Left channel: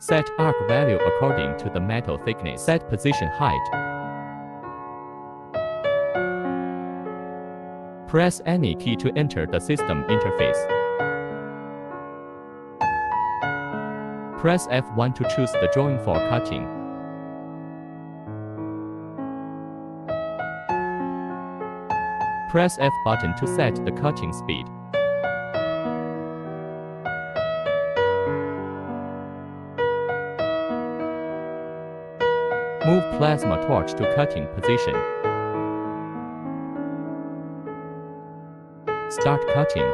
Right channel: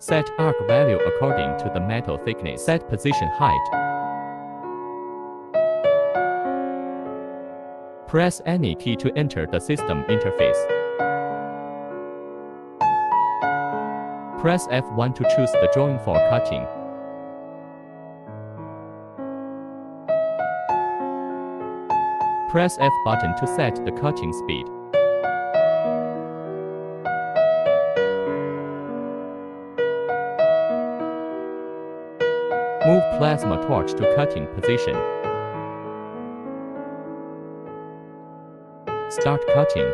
Set arc value according to the metal thickness. Set position height. Press any key to enter the system interface. Press F1 to choose the drawing for cutting. Press F button to set the cutting speed. Move plasma torch to cutting position. Start cutting.